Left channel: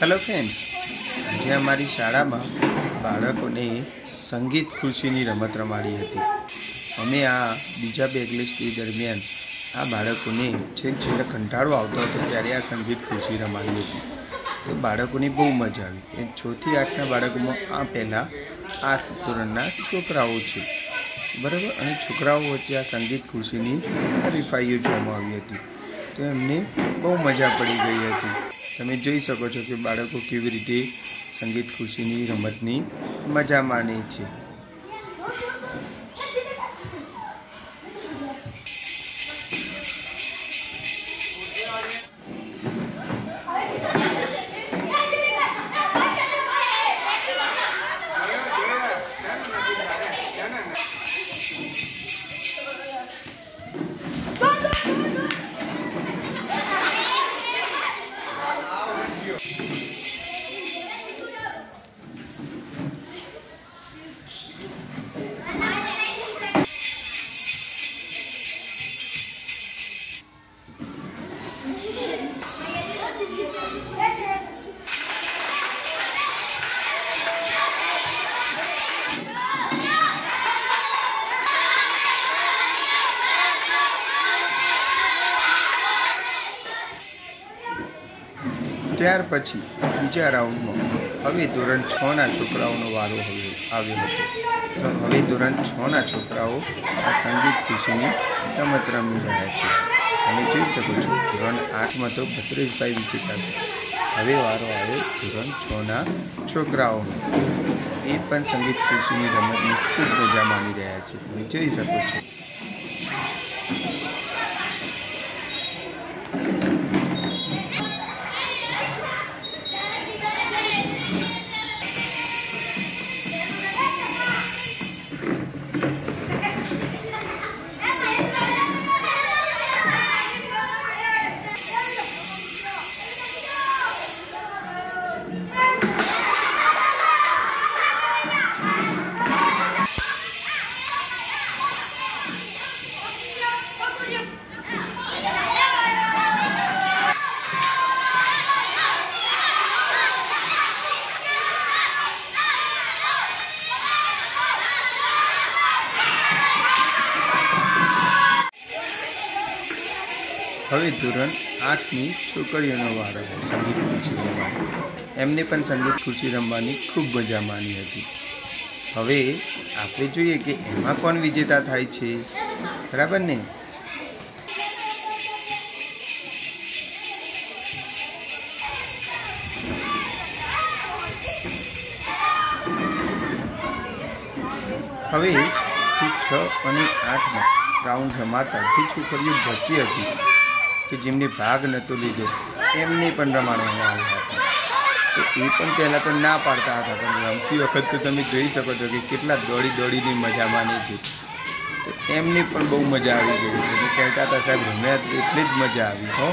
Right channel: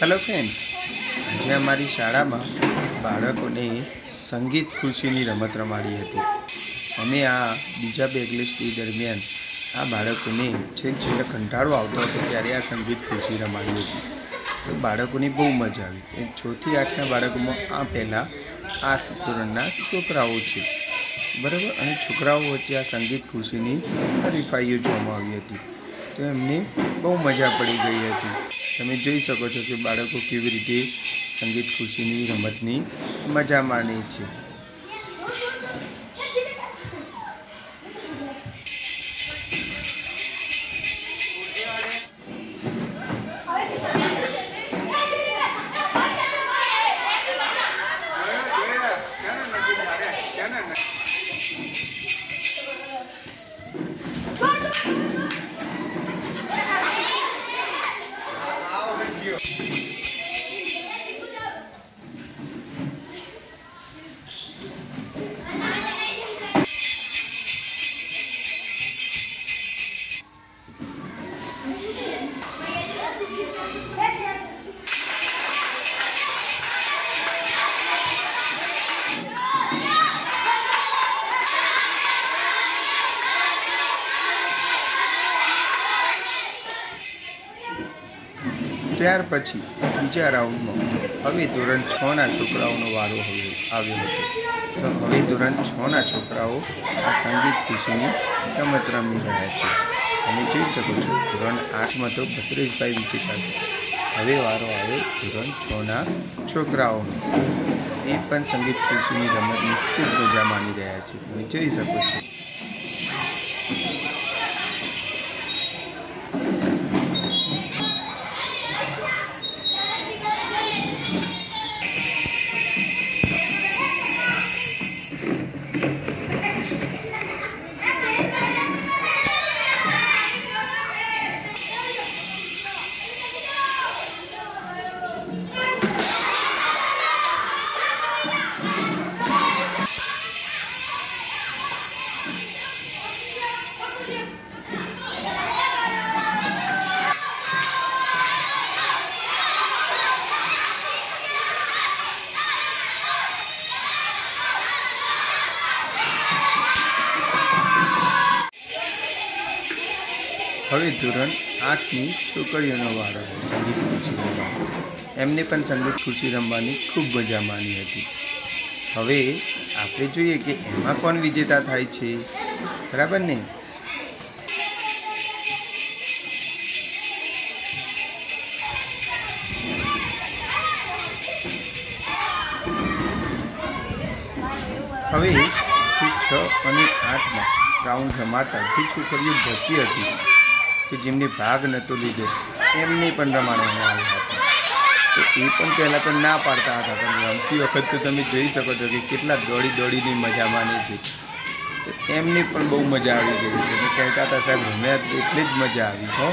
Hello friends, आज अमारी शाळा में बाळकोने संगीत खुर्शीनी रमत रमाड़ी हती। अमे आ बीजा बेगलेस डे दरमियान आ बाळकोने छेक छेल्ले कंटाळो आवतो हतो त्यारे आ संगीत खुर्शी रमाड़ी हती। तो बाळकोने बहु मजा आवी। 6 થી 8 ना बाळकोमां आ पहेला 8 ધોરણના છોકરાઓ छे, बराबर। अने छोकराओ वच्चे आ संगीत खुर्शीनी हरीफाईओ जोवामां आवी हती। तो एमने बहु मजा पड़ी गई हती। तमे जोई शको छो कि बाळको केवी रीते संगीत खुर्शीनी रमतनी मजा माणे छे। त्यार पछी बीजा राउंड में हवे धोरण 6 ना छोकराओनो वारो आव्यो हतो। तो हवे धोरण 6 ना छोकराओ आ संगीत खुर्शीनी रमत रमी रह्या छे। तमे जोई शको छो धोरण 8 में तो भद्रेशभाई विजेता छे। हवे वारो आव्यो धोरण 6 ना छोकराओनो। ए पण संगीत खुर्शीनी रमतनी खूब मजा माणी रह्या छे। तमे जोई शको छो। हवे धोरण 8 ની છોકરીઓનો વારો संगीत खुर्शी रमવાનો। एमने पण संगीत खुर्शी रमवानी खूब मजा माणी हती। हवे आपणे जोईए के एमां कोण विजेता थाय छे, बराबर ने। हवे जे 6 અને 8 में राउंड रमाता जे छोकरीओ बची हती कि जेमने भाग नतो लीधो एमने पण रमाडवामां આવ્યા હતા। तो ए पण पहला तो ना पाड़ता था, पण रमती वखत तो तमे जोई शको छो कि केटला दौड़ी दौड़ीने मजा माने छे। तो एमने पण बहु मजा आवी गई। तो कहेता था साहेब रम्या एटले ज मजा आवी हो।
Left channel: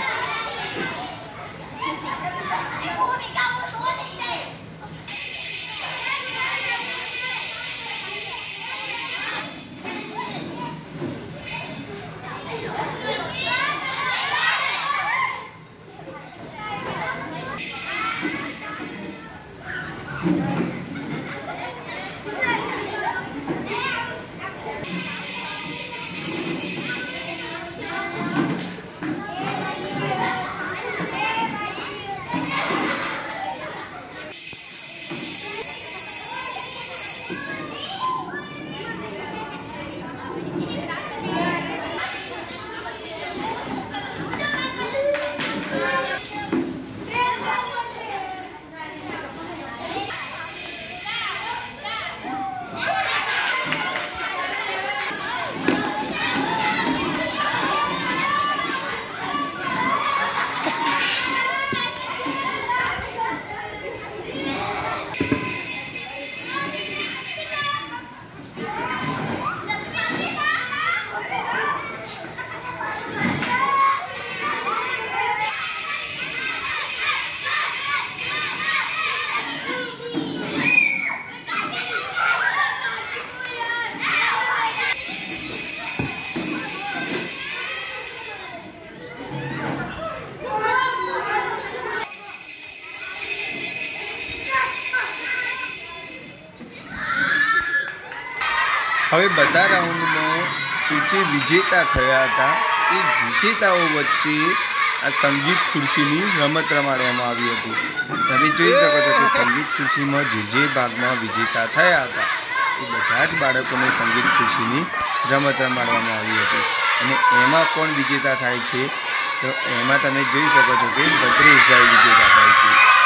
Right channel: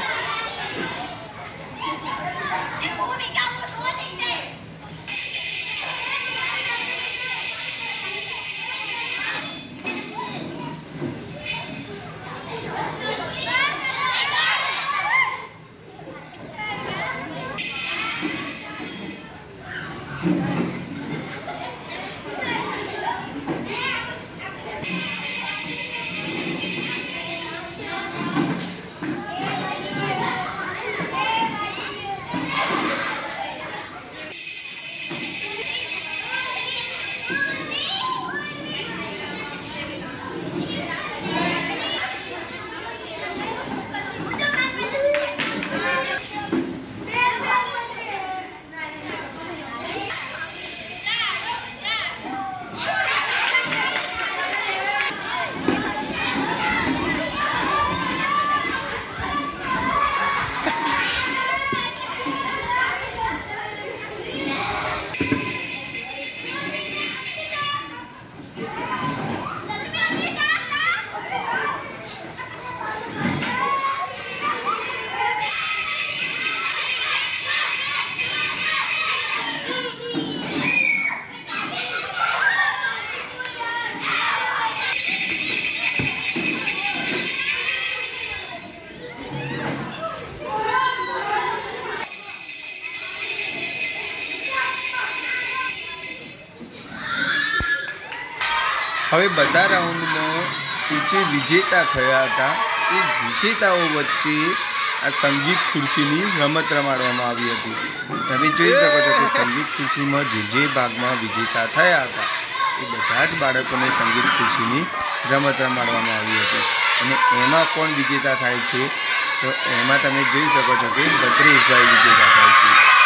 હવે બધા રાઉન્ડમાં જે વિજેતા થયા હતા એ વિજેતાઓ વચ્ચે આ સંગીત ખુરશીની રમત રમાડવામાં આવી હતી. તમે જોઈ શકો છો કે સંગીત ખુરશીમાં જે ભાગમાં વિજેતા થયા હતા એ બધા જ બાળકોને સંગીત ખુરશીની રમત રમાડવામાં આવી હતી. અને એમાં કોણ વિજેતા થાય છે તો એમાં તમે જોઈ શકો છો કે ભદ્રેશભાઈ વિજેતા થાય છે.